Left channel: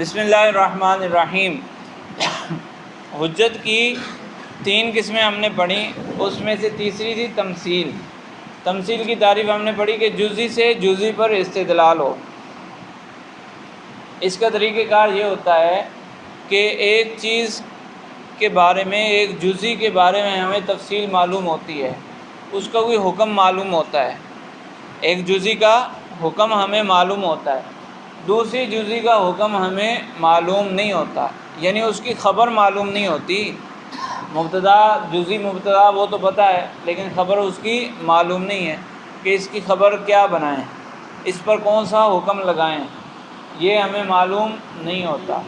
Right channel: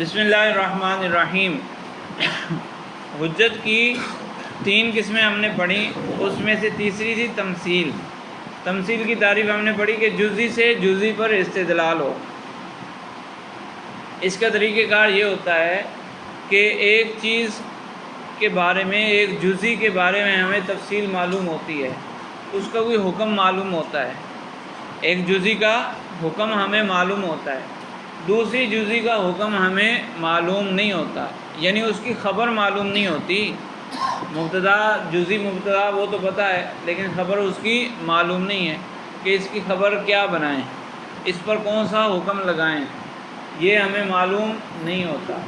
بسم اللہ الرحمن الرحیم۔ حجت کی 3 قسمیں ہم نے پڑھی، اس میں سے تیسری تھی تمثیل۔ تمثیل کی تعریف ہم نے پڑھی کہ جزئی سے جزئی پر استدلال ہو۔ اس کا طریقہ کار یہ ہوتا ہے کہ ایک چیز کے بارے میں، ایک جزئی کے بارے میں ہمیں تفصیل معلوم ہوتی ہے، اس کا کوئی حکم معلوم ہوتا ہے، ایک جزئی کا حکم ہمیں معلوم ہوتا ہے، دوسری جزئی کا حکم ہمیں معلوم نہیں ہوتا، یعنی اس کی خبر معلوم نہیں ہوتی۔ مبتدا، جزئی مبتدا وہ تو پتہ ہے، لیکن خبر اس کی معلوم نہیں ہے کہ اس کی خبر کیا بنائیں، اس پر کون سا حکم لگائیں، یہ ہمیں معلوم نہیں ہوتا۔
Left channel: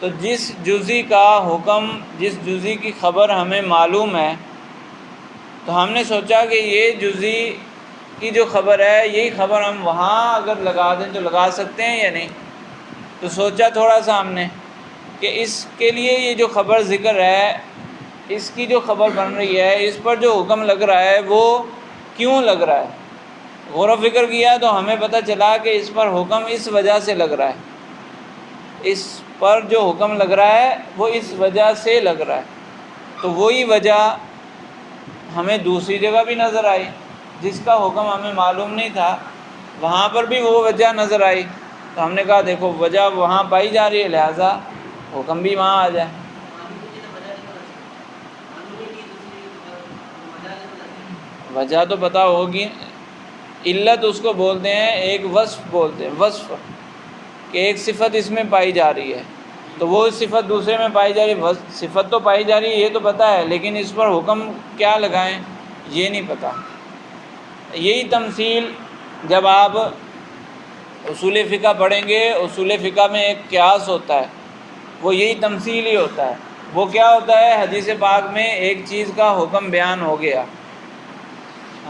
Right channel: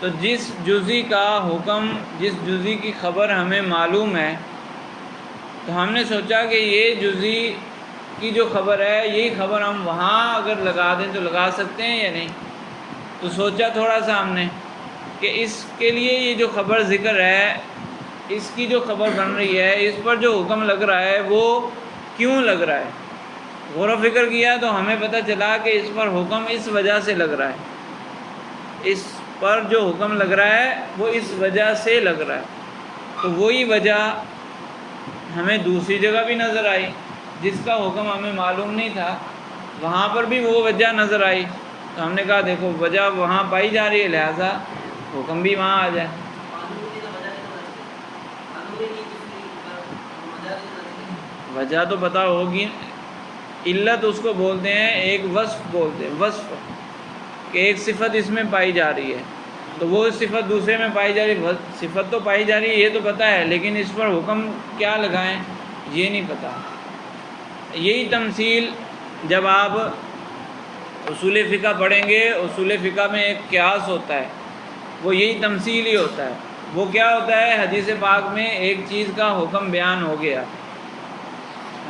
تو جس جزئی کا حکم، جس جزئی کی خبر ہمیں معلوم ہے، تو ہم نے سوچا کہ یہ جزئی کی جو خبر ہے، یہی خبر ہم وہاں اگر لگا دیں تو لگا سکتے ہیں یا نہیں۔ تو سوچا تھوڑا سا ہم نے کہ اس کے لیے یہ جو خبر ذکر ہے، اس کی جو خبر بن رہی ہے، اس پر جو حکم لگ رہا ہے وہ کیوں لگ رہا ہے۔ غور و فکر کیا تو ہمیں پتہ چلا کہ اس پر حکم اس وجہ سے لگ رہا ہے، اس پر جو حکم لگ رہا ہے وہ اس وجہ سے لگ رہا ہے۔ تو وہی وجہ ہمیں دوسری جگہ بھی نظر آئی، جس کا حکم ہمیں معلوم نہیں تھا، وہاں پر بھی وہ وجہ نظر آئی۔ تو ہم نے کہا دیکھو وجہ وہاں پائی جا رہی ہے، لہٰذا حکم بھی وہاں آ جائے۔ وجہ تو پتہ ہوگی، علت اس کو بولتے ہیں، ایک وصف بولتے ہیں، وصف، کہ ایک صفت اس میں پائی جا رہی ہے، تو وہ صفت دوسرے میں پائی جا رہی ہے، صفت تو پائی جا رہی ہے یہ تو پتہ ہے، لیکن اس پر حکم کیا لگائیں یہ نہیں پتہ۔ یہی تمثیل جب آپ اصول فقہ پڑھیں گے، اصول فقہ میں ایک قیاس ہوتا ہے، وہ یہی تمثیل ہی ہوتا ہے۔ وہ کیا ہوتا ہے؟ حدیث پاک میں ایک چیز کا حکم بیان ہو گیا،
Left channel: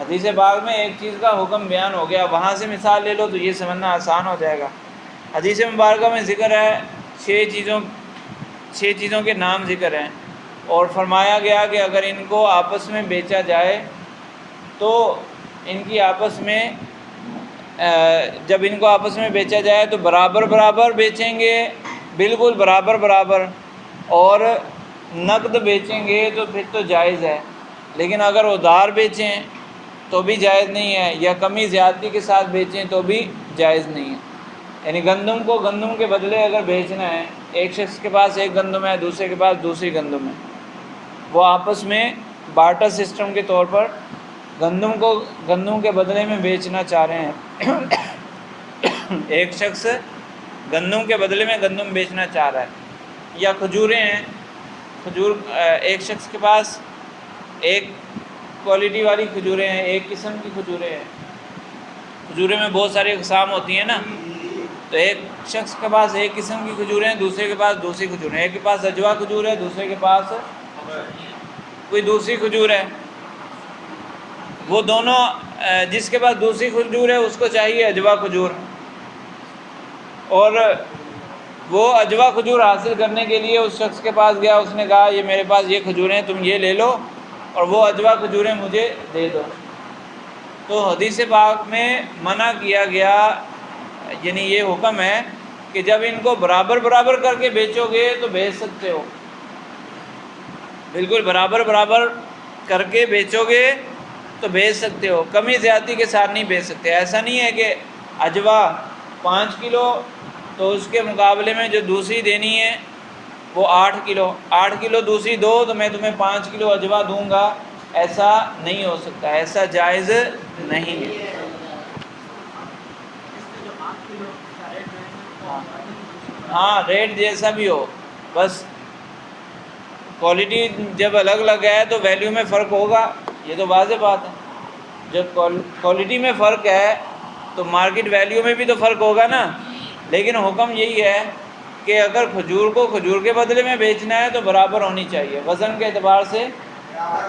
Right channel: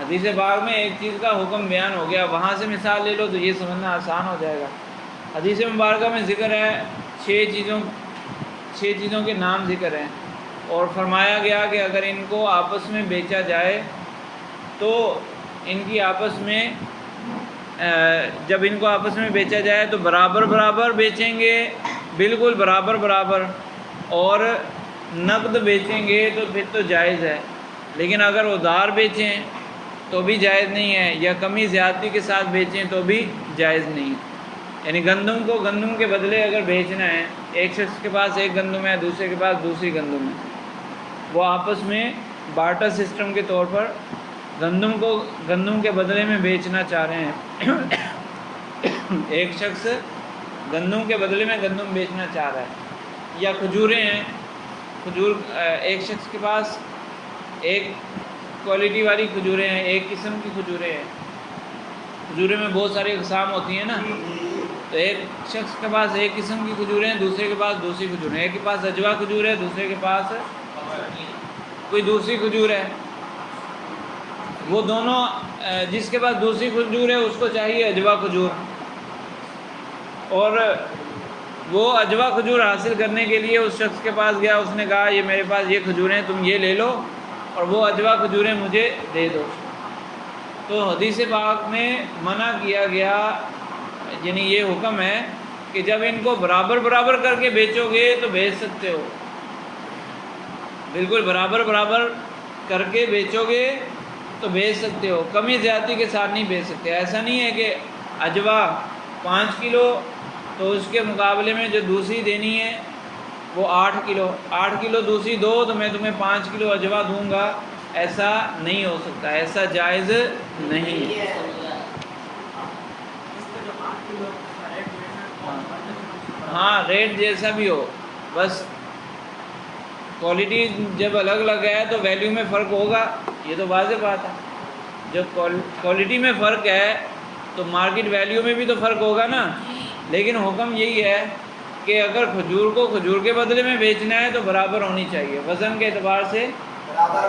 حدیث پاک میں ایک چیز کا حکم بیان ہو گیا، وہاں سے مثال لے لو تو یہ سمجھنا آسان ہو جائے گا۔ حدیث مبارکہ میں ذکر ہے 6 چیزوں کے نام ذکر ہیں، اور فرمایا گیا کہ اگر ان کو آپس میں بیچا جائے تو ان کی آپس میں جب ان کو آپس میں بیچا جائے تو برابر برابر بیچیں گے، بالکل برابر برابر، اور نقد بیچیں گے تو پھر تو جائز ہے، لیکن اگر ادھار بیچیں تو بھی جائز نہیں ہے، یا کمی زیادتی کے ساتھ بیچیں تو بھی جائز نہیں ہے۔ یعنی گندم کو گندم کے بدلے اگر بیچنا ہے، ایک شخص کے پاس ایک گندم ہے، دوسرے کے پاس دوسری گندم ہے، وہ آپس میں بارٹر سسٹم کے طور پر گندم کو گندم کے بدلے میں بیچنا چاہ رہے ہیں۔ ایک شخص گندم کے بدلے میں گندم بیچنا چاہ رہا ہے، یا کھجوریں ہیں، کھجور ایک شخص کے پاس ایک کوالٹی والی کھجوریں ہیں، ایک قسم کی کھجوریں ہیں، کھجوریں میں بہت ساری اقسام ہوتی ہیں نا، تو ایک شخص کے پاس ایک قسم کی کھجوریں ہیں، دوسرے کے پاس دوسری کھجوریں ہیں، ایک کے پاس اجوا کھجور ہے، دوسرے کے پاس کوئی دوسری کھجور ہے۔ وہ دونوں جس کے پاس دوسری کھجور ہے اس کو چاہیے اجوا کھجور، اور وہ اجوا کھجور حاصل کرنے کے لیے اس شخص کے پاس گیا، اس نے کہا یہ میرے پاس یہ کھجوریں، تم یہ لے لو اور وہ اجوا کھجوریں مجھے دے دو۔ تو حدیث پاک میں منع کیا گیا، یعنی یہ حکم ہے کہ جب ان کو برابر برابر کر کے بیچو گے تو بیچ سکتے ہو، بالکل برابر برابر کر کے بیچو گے تو بیچ سکتے ہو، کمی زیادتی کے ساتھ نہیں بیچ سکتے۔ ایسا نہیں ہے کہ اجوا 5 کلو تو اس کے مقابلے میں جو دوسری دینی ہے وہ 8 کلو دوسری دو تو میں تمہیں 5 کلو اجوا دوں گا، ایسا نہیں ہو سکتا، ایسا جائز نہیں ہے۔ ہاں، ریٹ جیسا بھی ہو، بس کوالٹی جب الگ الگ ہے تو ویلیو میں فرق ہوگا، یہ تو واضح بات ہے۔ جب کوالٹی میں فرق ہے تو مارکیٹ ویلیو میں بھی تو فرق ہوگا نا، لیکن حکم یہی ہے کہ اگر کھجور کو کھجور کے بدلے میں بیچنا ہے تو برابر ہونی چاہیے، وزن کے اعتبار سے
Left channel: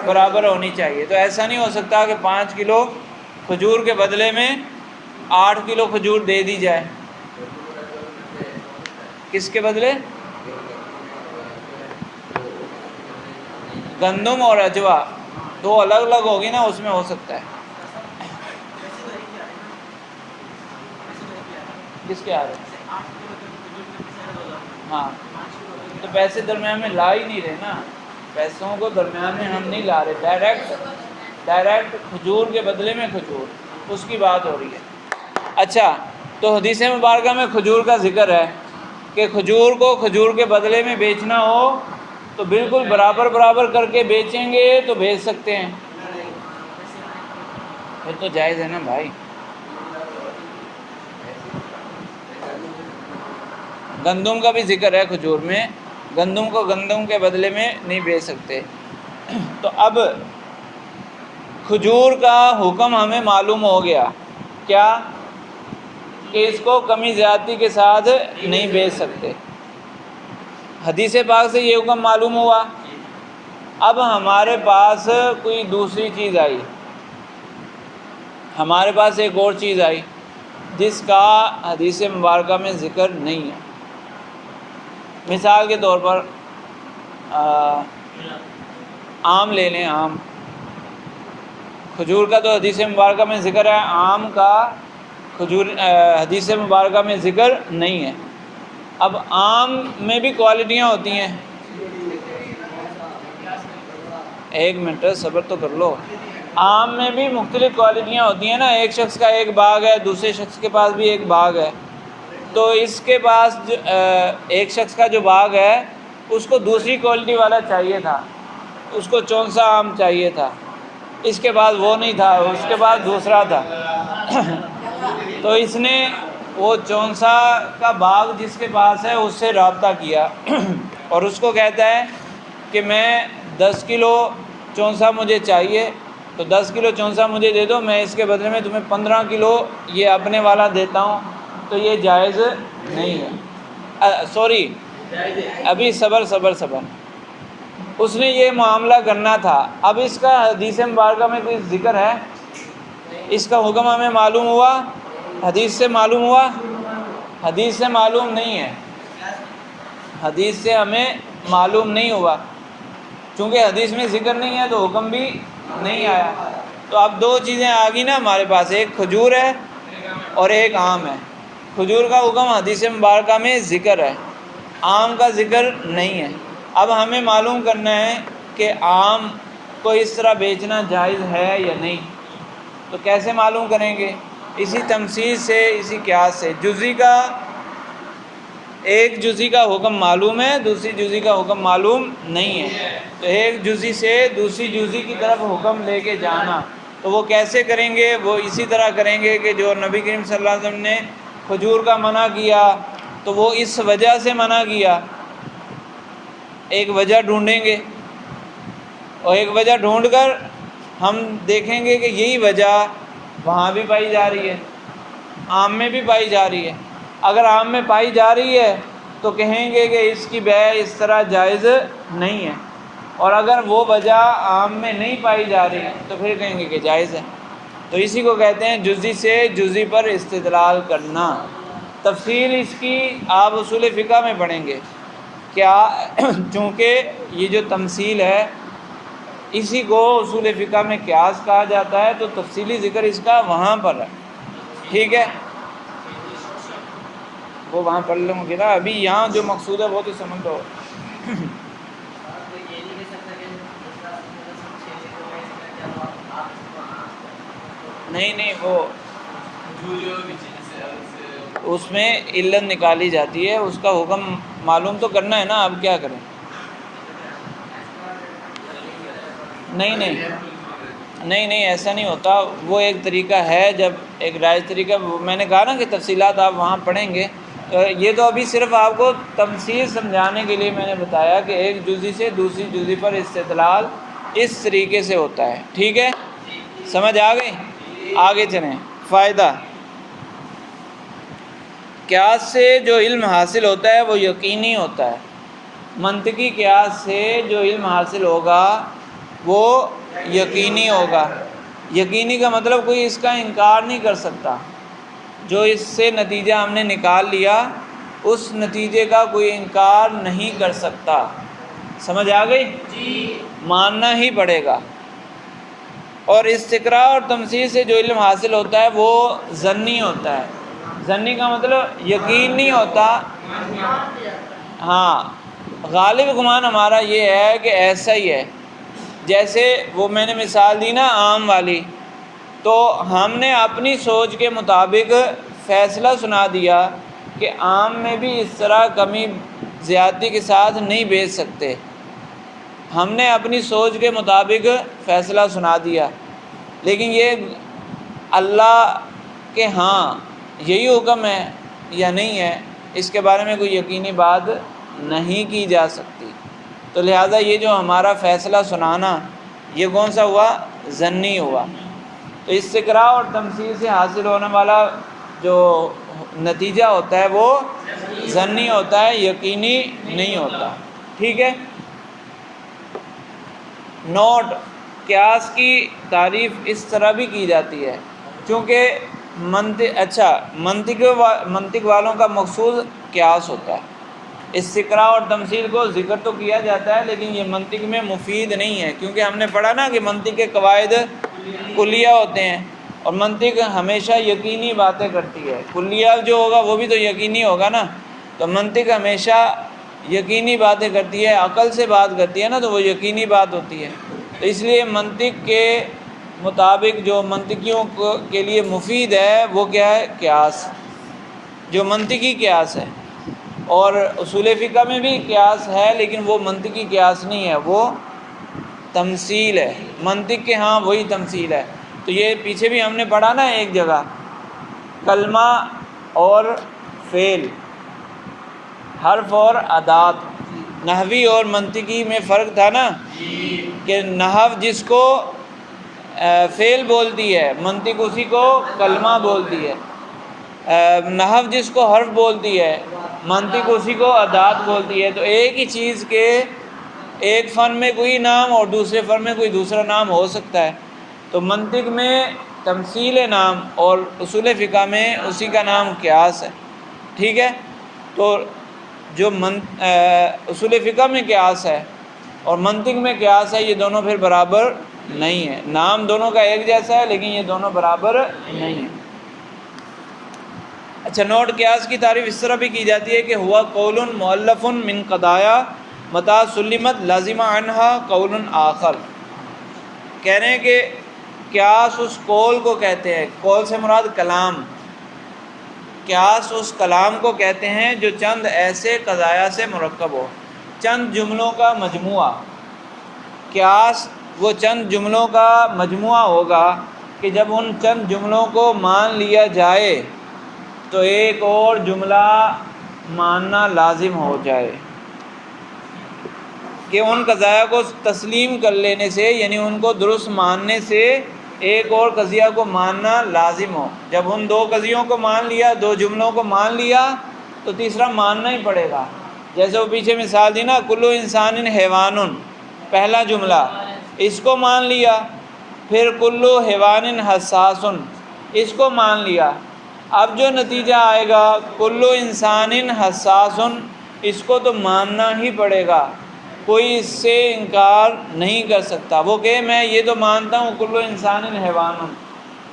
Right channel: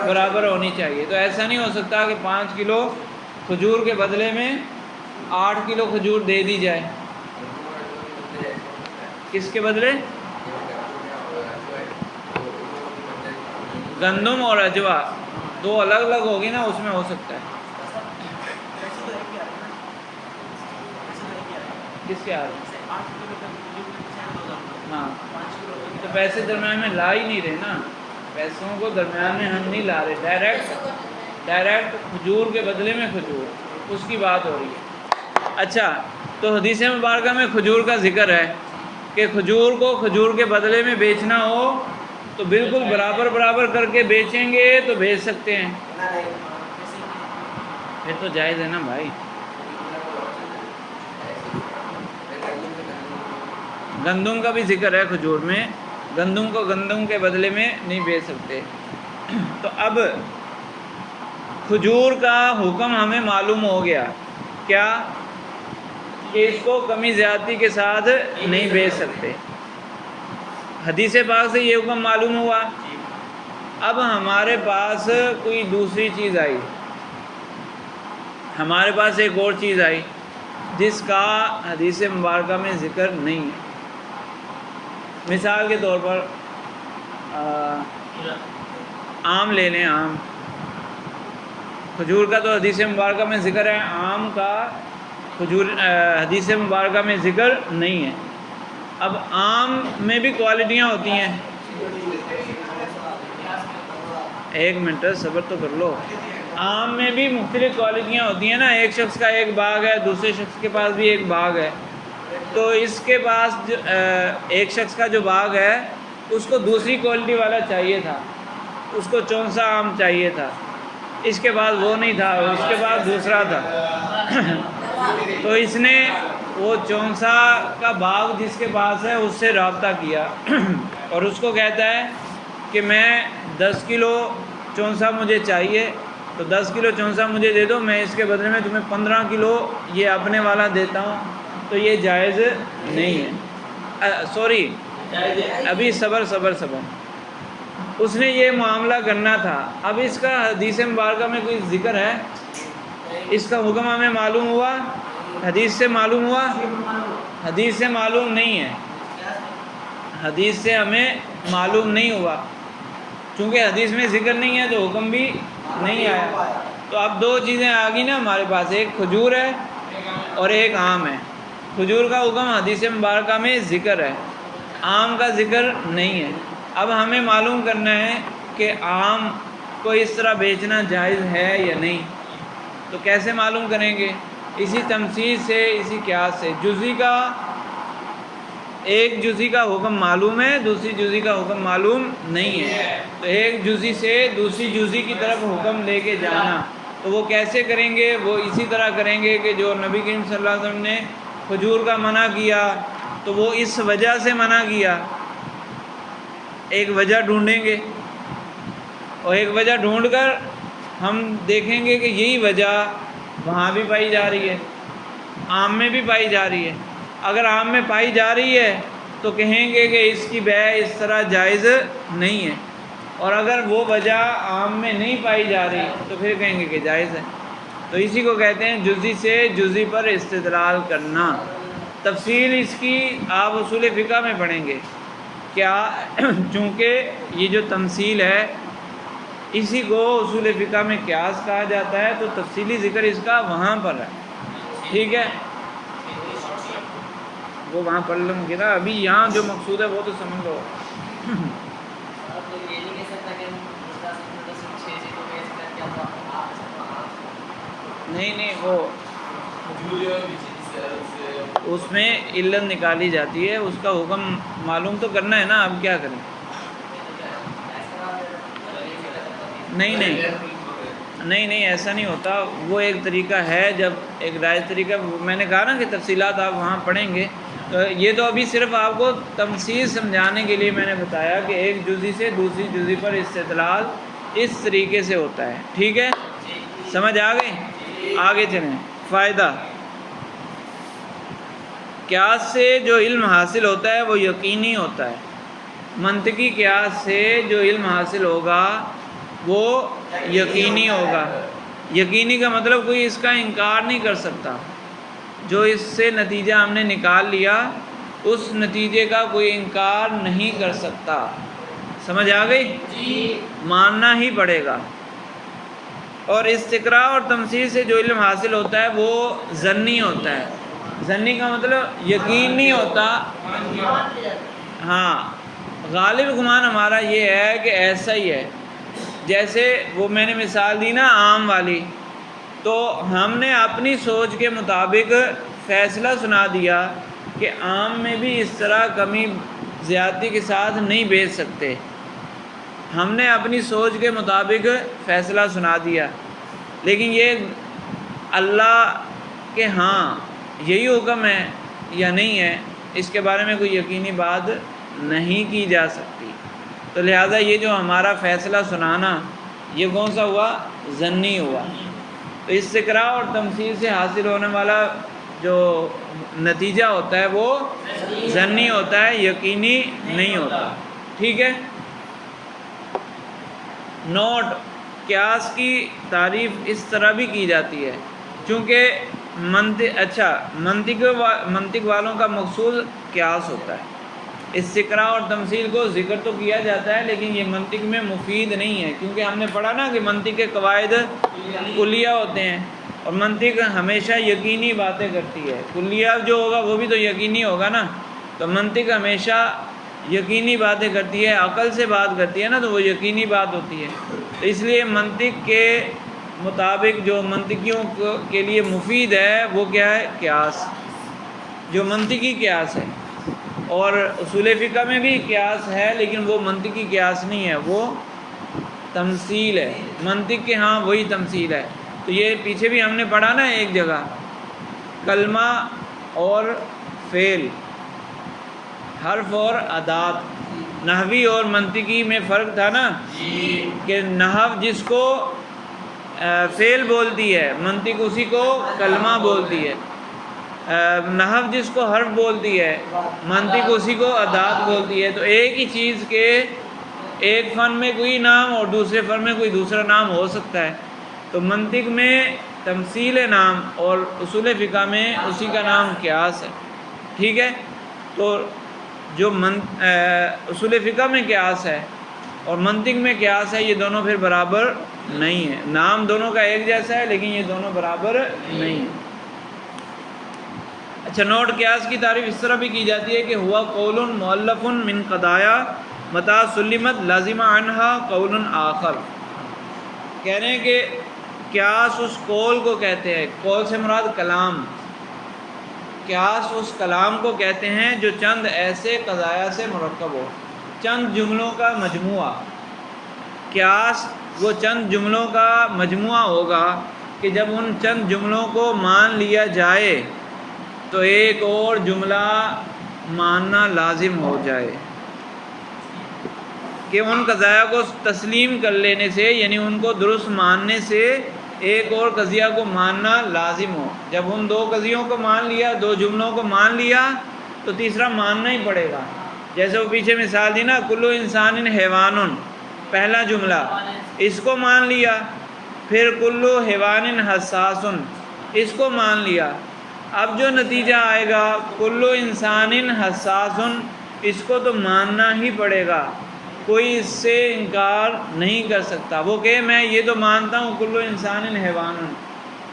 برابر ہونی چاہیے۔ تو ایسا نہیں ہو سکتا کہ 5 کلو کھجور کے بدلے میں 8 کلو کھجور دے دی جائے۔ کس کے بدلے؟ گندم اور اجوا دو الگ الگ ہوگی نا، اس میں ہو سکتا ہے۔ کس کے آ رہے ہیں؟ ہاں تو پیسے درمیان میں لا ہی نہیں رہے نا، پیسوں کو درمیان میں ہم نہیں لا رہے، ڈائریکٹ کھجور کے بدلے میں کھجور، اس کی بات ہو رہی ہے۔ اچھا، تو حدیث مبارکہ میں کھجور کا ذکر ہے کہ کھجور کو کھجور کے بدلے میں بیچنا ہو تو بالکل برابر کر کے بیچیں گے تو بیچ سکتے ہیں، پھر تو جائز ہے نا بھائی۔ گندم کا بھی ذکر ہے کھجور میں، گندم کو گندم کے بدلے میں نہیں بیچ سکتے۔ تو اب کھجور کا حکم ہمیں معلوم ہو گیا کیا، کہ اس کو کمی زیادتی کے ساتھ نہیں بیچ سکتے، حدیث پاک سے یہ حکم معلوم ہوا۔ اب ہمارے پاس کوئی دوسری چیز آئی، ہمارے پاس ایک اور چیز آئی جس کا حدیث مبارکہ میں ذکر نہیں ہے۔ مثال کے طور پر آم لے لیں، آم، کھجور کا تو حدیث مبارکہ میں ذکر ہے، آم کا حدیث مبارکہ میں ذکر نہیں ہے۔ اب آم میں بھی کوالٹیاں ہوتی ہیں، ایک منٹ صبر تو کر لو، آم میں بھی مختلف کوالٹیاں ہوتی ہیں نا، ایک شخص کا ایک باغ ہے، دوسرے شخص کے پاس بھی ایک باغ ہے، تو اس کے پاس ایک شخص کا جو باغ ہے اس کو دوسری کوالٹی والا چاہیے تھا، اس کو چونسا آم چاہیے تھا، اس کے بعد وہ نہیں تھا، اس کے بعد دوسرا تھا تو اس نے وہ چونسا کا باغ جس کے پاس ہے اس سے رابطہ کیا اور اس کو کہتا ہے کہ میں 10 کلو چونسا مجھے چاہیے، تو 10 کلو چونسا مجھے دے دو، میں اس کے بدلے میں تمہیں 15 کلو یہ اپنے والا دیتا ہوں، تو یہ جائز نہیں ہے۔ سوری، ابھی صبر، اس نے یہ معاملہ کرنا تھا۔ اب اس کا حدیث مبارکہ میں کوئی ذکر ہے، اس کا حکم ہمیں معلوم ہوا، حدیث سے معلوم ہوا، حدیث سے معلوم نہیں ہے، حدیث سے ہمیں معلوم نہیں ہوا، چونکہ حدیث میں ذکر نہیں ہے تو حکم بھی نہیں آیا۔ تو اب دو چیزیں آ گئی نا ہمارے پاس، ایک کھجور ہے اور ایک آم ہے۔ کھجور کا حکم حدیث مبارکہ میں ذکر ہے، آم کا ذکر نہیں ہے۔ اب ہمیں معلوم کرنا ہے کہ آم کو اس طرح بیچنا جائز ہے یا نہیں، تو کیسے معلوم کریں گے؟ اسی تمثیل سے، اسی قیاس سے۔ ایک جزی کا حکم معلوم ہے، دوسری جزی کا حکم معلوم نہیں ہے، تو ایک جزی سے دوسری جزی کی طرف حکم لے کے جانا، تو وہ کیسے کریں گے؟ وہ اسی طرح کریں گے کہ جو نبی کریم صلی اللہ علیہ وسلم نے کھجور کا منع کیا تو وہ اس وجہ سے منع کیا، ایک وجہ ڈھونڈیں گے اور ایک وجہ ڈھونڈ کر ہم دیکھیں گے کہ یہی وجہ وہاں بھی پائی جا رہی ہے، آم میں بھی پائی جا رہی ہے۔ اگر آم میں پائی جا رہی ہے تو کہیں گے کہ اس کی بیع اس طرح جائز نہیں ہے، اور اگر وہ وجہ آم میں نہیں پائی جا رہی تو پھر کہیں گے کہ جائز ہے۔ تو اسی کو کہتے ہیں جزی سے جزی پر استدلال کرنا۔ تفصیل اس کی آپ اصول فقہ میں پڑھیں گے، کیا چونکہ یہ جو تمثیل ہے اسی کو اصول فقہ میں قیاس کہا جاتا ہے، تو تفصیلی ذکر اس کا وہاں پر ہے، ٹھیک ہے؟ وہ وہاں پڑھ لوں گے نا، ابھی یہاں جو مقصود ہے وہ تو سمجھ لو۔ نہیں وہ اس میں علت نکالی جاتی ہے، اس کا حکم معلوم تو کرنا ہے نا، اب کیا کریں؟ نہیں ایسا نہیں ہوتا، وہ ایک طریقہ ہے، جب ایک رائج طریقہ، میں نے کہا نا کہ تفصیلات آپ وہاں پڑھیں گے، تو یہ تو ابھی صرف آپ کو تمثیل سمجھانے کے لیے میں نے بتایا کہ ایک جزی سے دوسری جزی پر استدلال اس طریقے سے ہوتا ہے، ٹھیک ہے؟ سمجھ آ گئی؟ آگے چلیں۔ فائدہ، قیاس سے جو علم حاصل ہوتا ہے وہ یقینی ہوتا ہے، منطقی قیاس سے جو علم حاصل ہوگا وہ یقینی ہوگا۔ یقینی کا مطلب کوئی اس کا انکار نہیں کر سکتا، جو اس سے نتیجہ ہم نے نکال لیا اس نتیجے کا کوئی انکار نہیں کر سکتا، سمجھ آ گئی؟ جی، ماننا ہی پڑے گا۔ اور استقراء اور تمثیل سے جو علم حاصل ہوتا ہے وہ ظنی ہوتا ہے۔ ظنی کا مطلب یقین نہیں ہوتا، ہاں غالب گمان ہمارا یہ ہے کہ ایسا ہی ہے، جیسے وہ میں نے مثال دی نا عام والی، تو ہم نے اپنی سوچ کے مطابق فیصلہ سنا دیا کہ عام میں بھی اس طرح کمی زیادتی کے ساتھ نہیں بیچ سکتے، ہم نے اپنی سوچ کے مطابق فیصلہ سنا دیا، لیکن یہ اللہ کے ہاں یہی حکم ہے یا نہیں ہے اس کے بارے میں کوئی یقینی بات نہیں کی جا سکتی، تو لہٰذا یہ جو ہمارا فیصلہ سنانا یہ کون سا ہوا؟ ظنی ہوا۔ تو استقراء اور تمثیل سے حاصل ہونے والا جو نتیجہ ہوتا ہے وہ ظنی ہوتا ہے، یقینی نہیں ہوتا، ٹھیک ہے۔ نوٹ: قیاس کی تعریف اس طرح بھی کی جاتی ہے، چونکہ منطق والوں کا مقصود قیاس ہوتا ہے۔ استقراء اور تمثیل کو ذکر تو کیا جاتا ہے لیکن یہ منطق میں مفید نہیں ہے، کیونکہ ہم نے پڑھا نا کہ منطق کے قواعد کلیہ ہوتے ہیں اور منطق ہمیشہ یقینی باتیں کرتی ہے، کلیہ جو ہوگا وہ بھی تو یقینی ہوگا نا، تو منطق ہمیشہ یقینی باتیں کرتی ہے، عقل سے بات کرتی ہے نا، تو وہ یقینی بات ہوتی ہے، تو اس لیے منطق کے مطابق جو منطقیوں کے لیے مفید ہے وہ کیا ہے؟ قیاس، جو منطقی قیاس ہے۔ اور اصول فقہ میں بھی قیاس ہے لیکن وہ منطقی قیاس نہیں ہے، وہ تمثیل ہے، منطق کے ہاں وہی تمثیل ہے۔ تو یہ پیچھے بھی ہم نے پڑھا نا ایک جگہ، کلمہ اور فعل، حرف اور ادات، نحوی اور منطقی میں فرق تھا نا، کہ نحو جس کو فعل بولتی ہے، منطق اسی کو کلمہ بولتی ہے، نحو جس کو حرف بولتی ہے، منطق اسی کو ادات بولتی ہے، تو ایک ہی چیز کے ایک فن میں کوئی نام اور دوسرے فن میں کوئی دوسرا نام ہو سکتا ہے، تو منطق میں تمثیل نام اور اصول فقہ میں اسی کا نام قیاس ہے، ٹھیک ہے۔ تو جو اصول فقہ میں قیاس ہے اور منطق میں قیاس ہے، یہ دونوں پھر برابر نہیں ہے، نام دونوں کا ایک جیسا ہے لیکن یہ دونوں برابر نہیں ہیں۔ اچھا نوٹ: قیاس کی تعریف اس طرح بھی کی جاتی ہے کہ ہوا قول مؤلف من قضایا متى سلمت لازم عنها قول آخر، کہہ رہے ہیں کہ قیاس اس قول کو کہتے ہیں، قول سے مراد کلام، قیاس اس کلام کو کہتے ہیں جو چند ایسے قضایا سے مرکب ہو، چند جملوں کا مجموعہ، قیاس وہ چند جملوں کا مجموعہ ہوگا کہ جب ان چند جملوں کو مان لیا جائے تو ایک اور جملہ ماننا لازم ہو جائے، کہ ان قضایا کو تسلیم کر لینے سے، یعنی ان کو درست ماننے سے ایک اور قضیہ کو ماننا لازم ہو۔ جب ان دو قضیوں کو مان لیا، دو جملوں کو مان لیا، تو تیسرا ماننا ہی پڑے گا، جیسے وہ پیچھے مثال دی نا، کلو انسان حیوان، پہلا جملہ اس کو مان لیا، پھر کلو حیوان حساس، اس کو مان لیا، اب جو نتیجہ آئے گا کلو انسان حساس، اس کو تو ماننا ہی پڑے گا، کوئی اس سے انکار نہیں کر سکتا، وہ کہ میں یہ تو مانتا ہوں کلو انسان حیوان،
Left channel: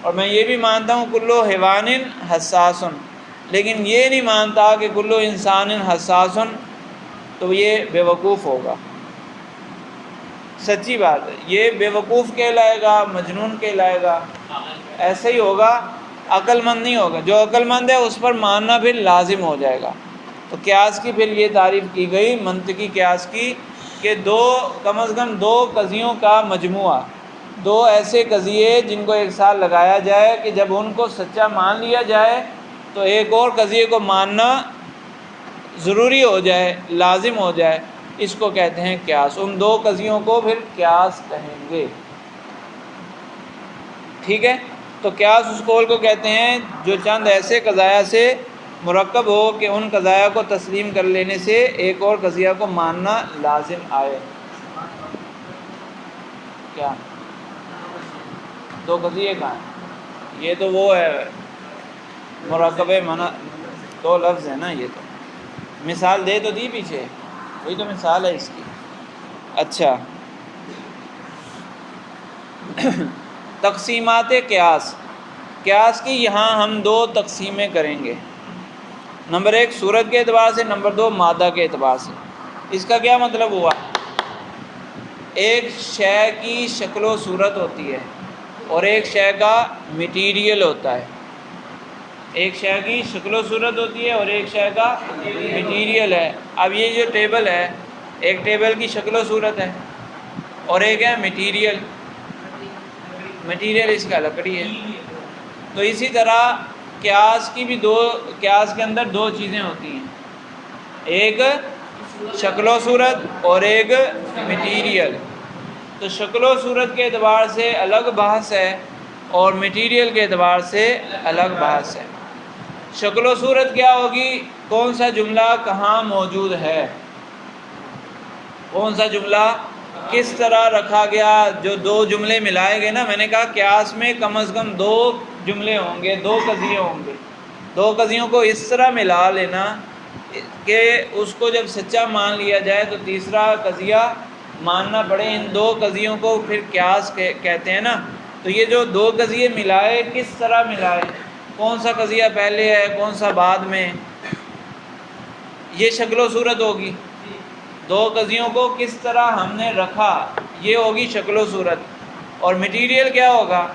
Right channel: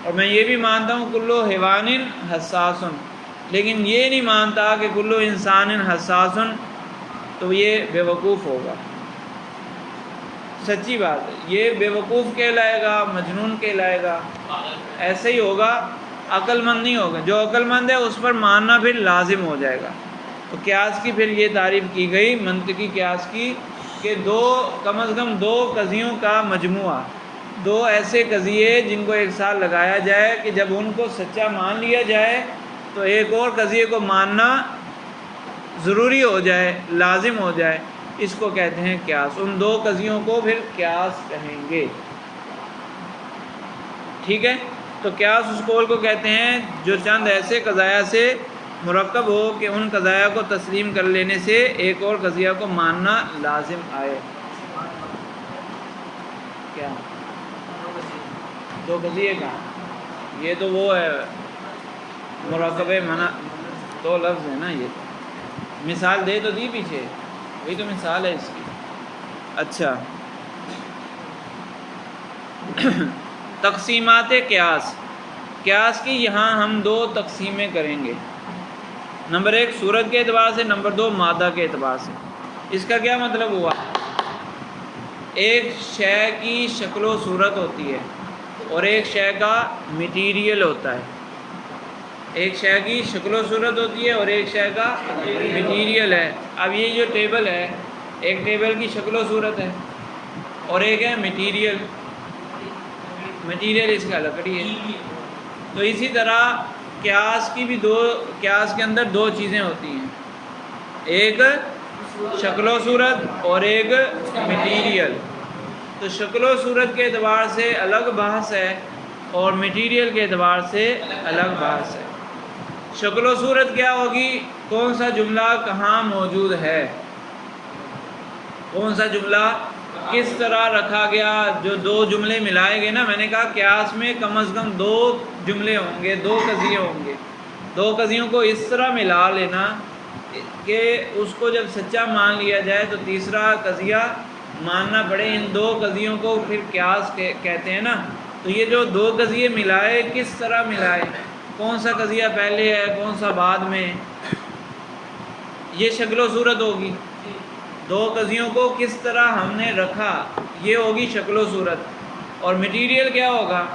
اور میں یہ بھی مانتا ہوں کلو حیوان حساس، لیکن یہ نہیں مانتا کہ کلو انسان حساس، تو یہ بیوقوف ہوگا، سچی بات ہے، یہ بیوقوف کہلائے گا، مجنون کہلائے گا، ایسے ہی ہوگا، عقل مند نہیں ہوگا، جو عقل مند ہے اس پر ماننا پھر لازم ہو جائے گا۔ تو قیاس کی پھر یہ تعریف کی گئی منطقی قیاس کی، کہ کم از کم دو قضیوں کا مجموعہ، دو ایسے قضیے جن کو ایک ساتھ لگایا جائے کہ جب ان کو سچا مان لیا جائے تو ایک اور قضیے کو ماننا ضروری ہو جائے، لازم ہو جائے، اس کو کہتے ہیں قیاس، ان دو قضیوں کو پھر قیاس کہیں گے، ٹھیک ہے۔ تو قیاس اس قول کو کہتے ہیں جو چند ایسے قضایا سے مرکب ہو کہ ان قضایا کو تسلیم کر لینے سے ایک اور قضیہ کو ماننا لازم آئے۔ کیا دو قضیے کا؟ یہ تو وہ ہے مرکب منع، دو لفظ ہے نا، یہ تو مثال دے تو دی پیچھے، وہی تو مثال ہے اس کی۔ اچھا تقسیمات قیاس، قیاس کی یہاں ہم دو تقسیمیں کریں گے، نمبر 1 صورت کے اعتبار سے، نمبر 2 مادہ کے اعتبار سے۔ اس کا کیا مطلب ہوا؟ ایک شے کی شکل و صورت ہوتی ہے اور ایک شے کا مٹیریل ہوتا ہے۔ ایک شے کی شکل و صورت ہوتی ہے اور ایک شے کا مٹیریل ہے۔ اب یہ جو ٹیبل ہے، ایک ٹیبل کی شکل و صورت ہے اور ایک ہے مٹیریل۔ مٹیریل اس کا لکڑی ہے۔ تو اسی طرح قیاس کی بھی قیاس کے اندر دو چیزیں ہوتی ہیں، ایک شکل و صورت اور ایک مٹیریل۔ تو شکل و صورت کے اعتبار سے الگ بحث ہے اور مٹیریل کے اعتبار سے الگ بحث ہے۔ شکل و صورت کیا ہوگی؟ کون سا جملہ کہاں موجود ہے، کون سا جملہ کس طرح رکھا گیا۔ جو دو جملے ملائے گئے نا، میں نے کہا قیاس میں کم از کم 2 جملے ہوں گے، 2 قضیے ہوں گے۔ 2 قضیوں کو اس طرح ملا لینا کہ اس کو جب سچا مان لیا جائے تو تیسرا قضیہ ماننا پڑے۔ ان 2 قضیوں کو پھر قیاس کہتے ہیں نا۔ تو یہ جو 2 قضیے ملائے، کس طرح ملائے، کون سا قضیہ پہلے ہے کون سا بعد میں، یہ شکل و صورت ہوگی۔ 2 قضیوں کو کس طرح ہم نے رکھا، یہ ہوگی شکل و صورت۔ اور مٹیریل کیا ہوگا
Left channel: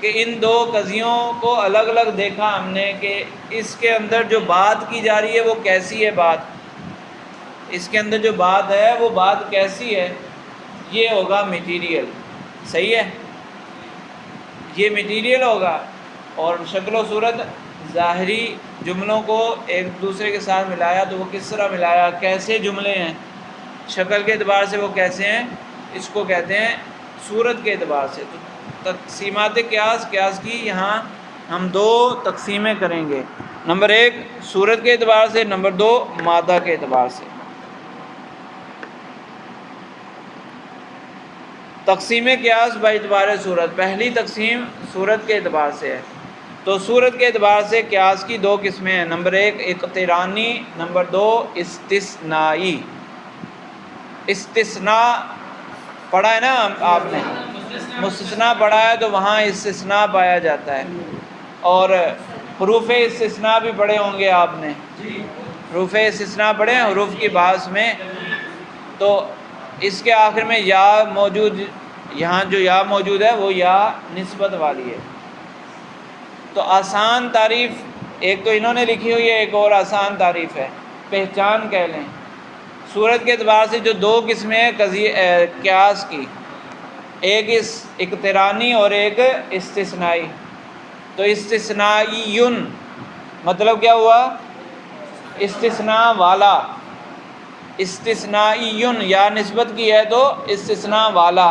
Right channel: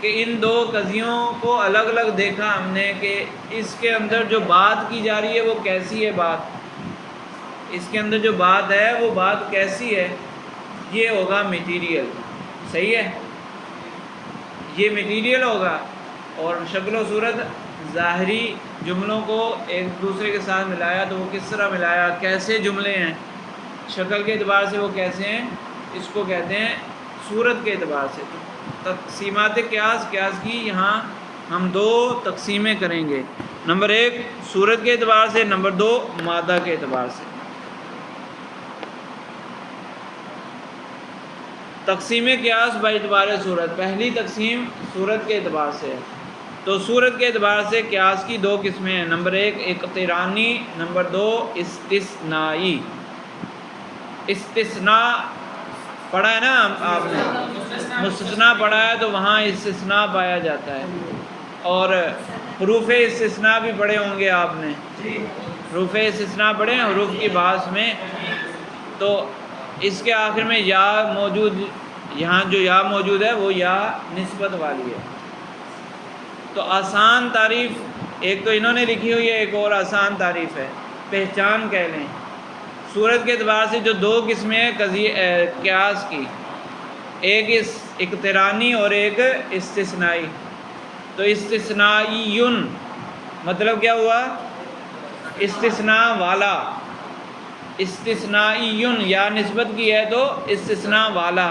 کہ ان 2 قضیوں کو الگ الگ دیکھا ہم نے کہ اس کے اندر جو بات کی جا رہی ہے وہ کیسی ہے، بات اس کے اندر جو بات ہے وہ بات کیسی ہے، یہ ہوگا مٹیریل۔ صحیح ہے، یہ مٹیریل ہوگا۔ اور شکل و صورت ظاہری جملوں کو ایک دوسرے کے ساتھ ملایا تو وہ کس طرح ملایا، کیسے جملے ہیں، شکل کے اعتبار سے وہ کیسے ہیں، اس کو کہتے ہیں صورت کے اعتبار سے۔ تقسیمات قیاس، قیاس کی یہاں ہم 2 تقسیمیں کریں گے، نمبر 1 صورت کے اعتبار سے، نمبر 2 مادہ کے اعتبار سے۔ تقسیم قیاس باعتبار صورت، پہلی تقسیم صورت کے اعتبار سے ہے۔ تو صورت کے اعتبار سے قیاس کی 2 قسمیں ہیں، نمبر 1 اقترانی، نمبر 2 استثنائی۔ استثناء پڑھا ہے نا آپ نے، مستثنیٰ پڑھا ہے تو وہاں استثناء پایا جاتا ہے۔ اور حروف استثناء بھی پڑھے ہوں گے آپ نے، حروف استثناء پڑھے ہیں حروف کی بحث میں۔ تو اس کے آخر میں یا موجود، یہاں جو یا موجود ہے وہ یا نسبت والی ہے۔ تو آسان تعریف ایک تو انہوں نے لکھی ہوئی ہے، ایک اور آسان تعریف ہے، پہچان کہہ لیں۔ صورت کے اعتبار سے جو 2 قسمیں ہیں قیاس کی، ایک اقترانی اور ایک استثنائی۔ تو استثنائیٌ مطلب کیا ہوا، استثناء والا۔ استثنائیٌ یا نسبت کی ہے تو استثناء والا۔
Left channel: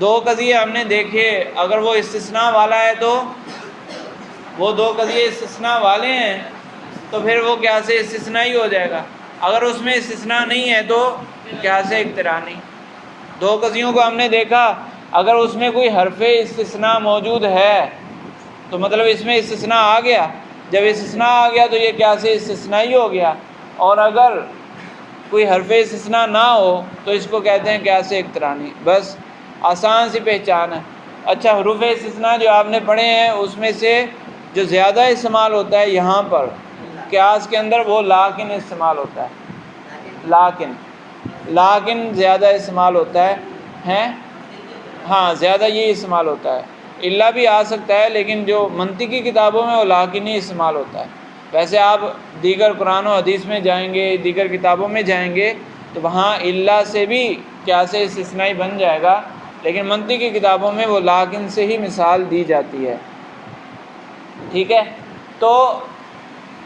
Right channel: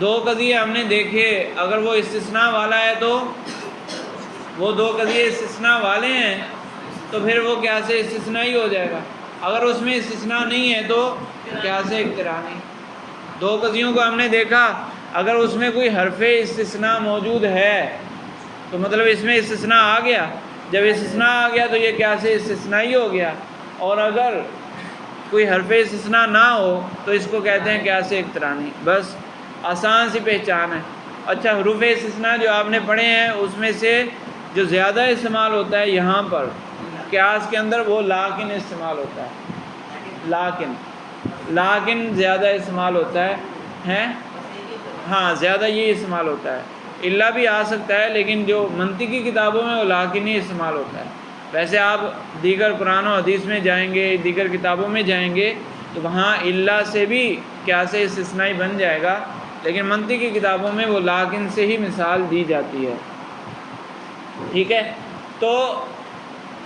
2 قضیے ہم نے دیکھے، اگر وہ استثناء والا ہے تو وہ 2 قضیے استثناء والے ہیں تو پھر وہ کیا سے استثنائی ہو جائے گا۔ اگر اس میں استثناء نہیں ہے تو کیا سے اقترانی۔ 2 قضیوں کو ہم نے دیکھا، اگر اس میں کوئی حرف استثناء موجود ہے تو مطلب اس میں استثناء آ گیا۔ جب استثناء آ گیا تو یہ کیا سے استثنائی ہو گیا۔ اور اگر کوئی حرف استثناء نہ ہو تو اس کو کہتے ہیں کیا سے اقترانی۔ بس آسان سی پہچان ہے۔ اچھا، حروف استثناء جو آپ نے پڑھے ہیں اس میں سے جو زیادہ استعمال ہوتا ہے یہاں پر قیاس کے اندر وہ لاکن استعمال ہوتا ہے۔ لاکن زیادہ استعمال ہوتا ہے ہاں زیادہ یہ استعمال ہوتا ہے۔ الا بھی آ سکتا ہے لیکن جو منطقی کتابوں میں وہ لاکن ہی استعمال ہوتا ہے۔ ویسے آپ دیگر قرآن و حدیث میں جائیں گے، دیگر کتابوں میں جائیں گے تو وہاں الا سے بھی قیاس استثنائی بن جائے گا، لیکن منطقی کتابوں میں وہ لاکن سے ہی مثال دی جاتی ہے۔ ٹھیک ہے، تو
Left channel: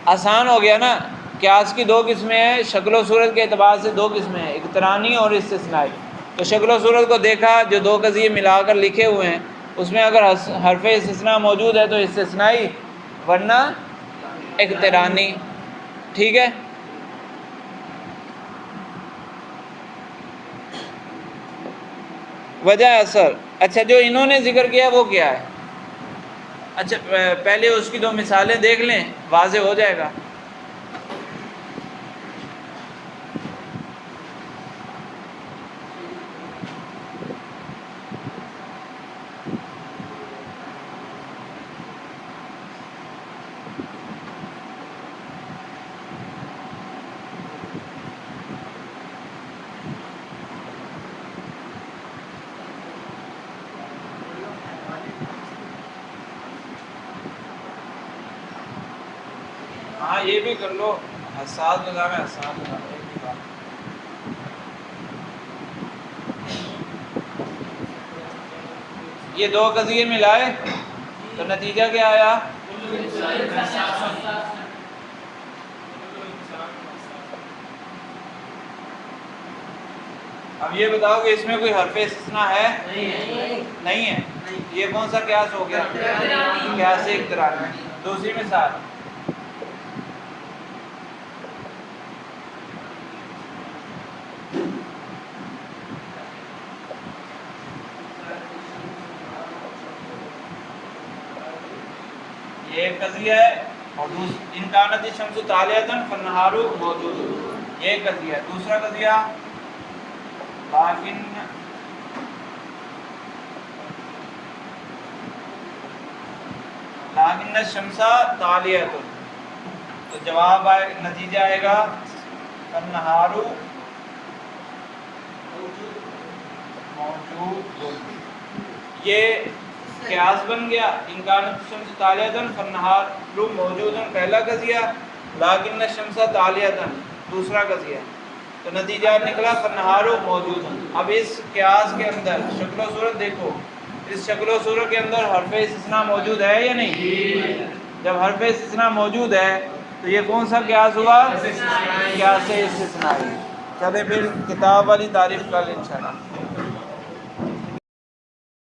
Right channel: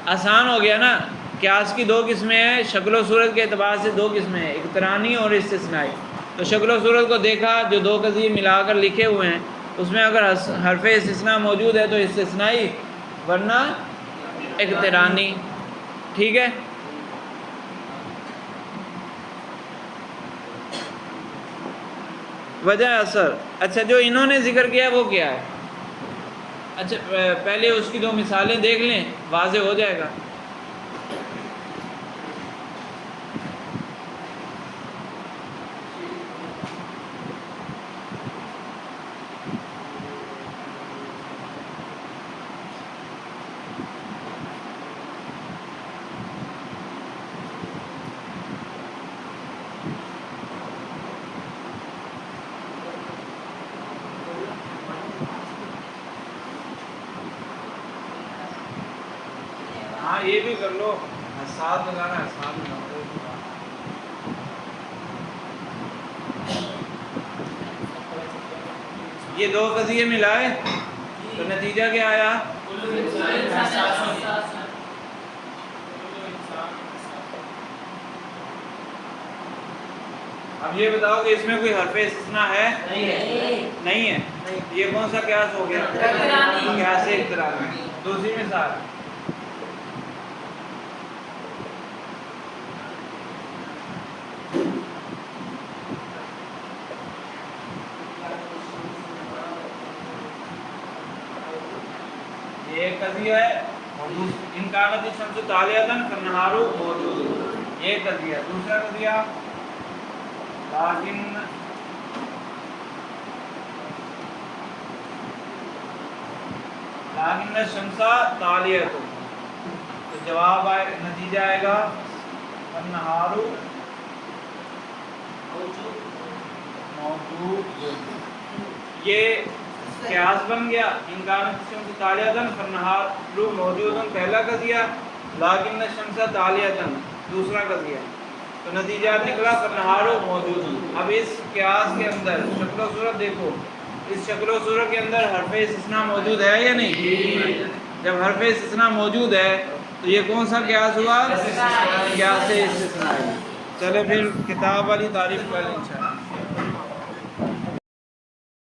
آسان ہو گیا نا۔ قیاس کی 2 قسمیں ہیں، شکل و صورت کے اعتبار سے 2 قسمیں ہیں، اقترانی اور استثنائی۔ تو شکل و صورت کو دیکھا، جو 2 قضیے ملا کر لکھے ہوئے ہیں اس میں اگر حرف استثناء موجود ہے تو استثنائی، ورنہ اقترانی۔ ٹھیک ہے، وجہ اثر۔ اچھا، جو انہوں نے ذکر کیا وہ کیا ہے؟ اچھا پہلے اس کی 2 مثالیں دیکھ لیں، واضح ہو جائے گا۔ بھی کر لو، حساس لگانا حساس لگانا۔ یہ دو قضیے ملائے تو نتیجہ کیا آیا؟ اب یہ بتاؤ کہ اس میں کوئی حرف استثناء ہے؟ نہیں ہے۔ یہ کون سا قیاس ہو گیا؟ قیاس اقترانی۔ دوسری مثال، یہ ایک قضیہ ہے، ان کانت الشمس طالعۃ فالنہار موجود، یہ ایک قضیہ ہے۔ دوسرا قضیہ لیکن الشمس طالعۃ، تو جواب آئے، نتیجہ آئے گا فالنہار موجود۔ یہ قیاس بن گیا، ان کانت الشمس طالعۃ فالنہار موجود، پہلا قضیہ، لیکن الشمس طالعۃ دوسرا قضیہ، تو نتیجہ نکلا فالنہار موجود۔ اب اس قیاس کے اندر شکل و صورت دیکھو، اس شکل و صورت کے اندر حرف استثناء موجود ہے یا نہیں؟ جب حرف استثناء موجود ہے تو یہ کون سا قیاس ہوا؟ قیاس استثنائی۔ چلے پھر کتاب والی تعریف کر لیں انشاءاللہ۔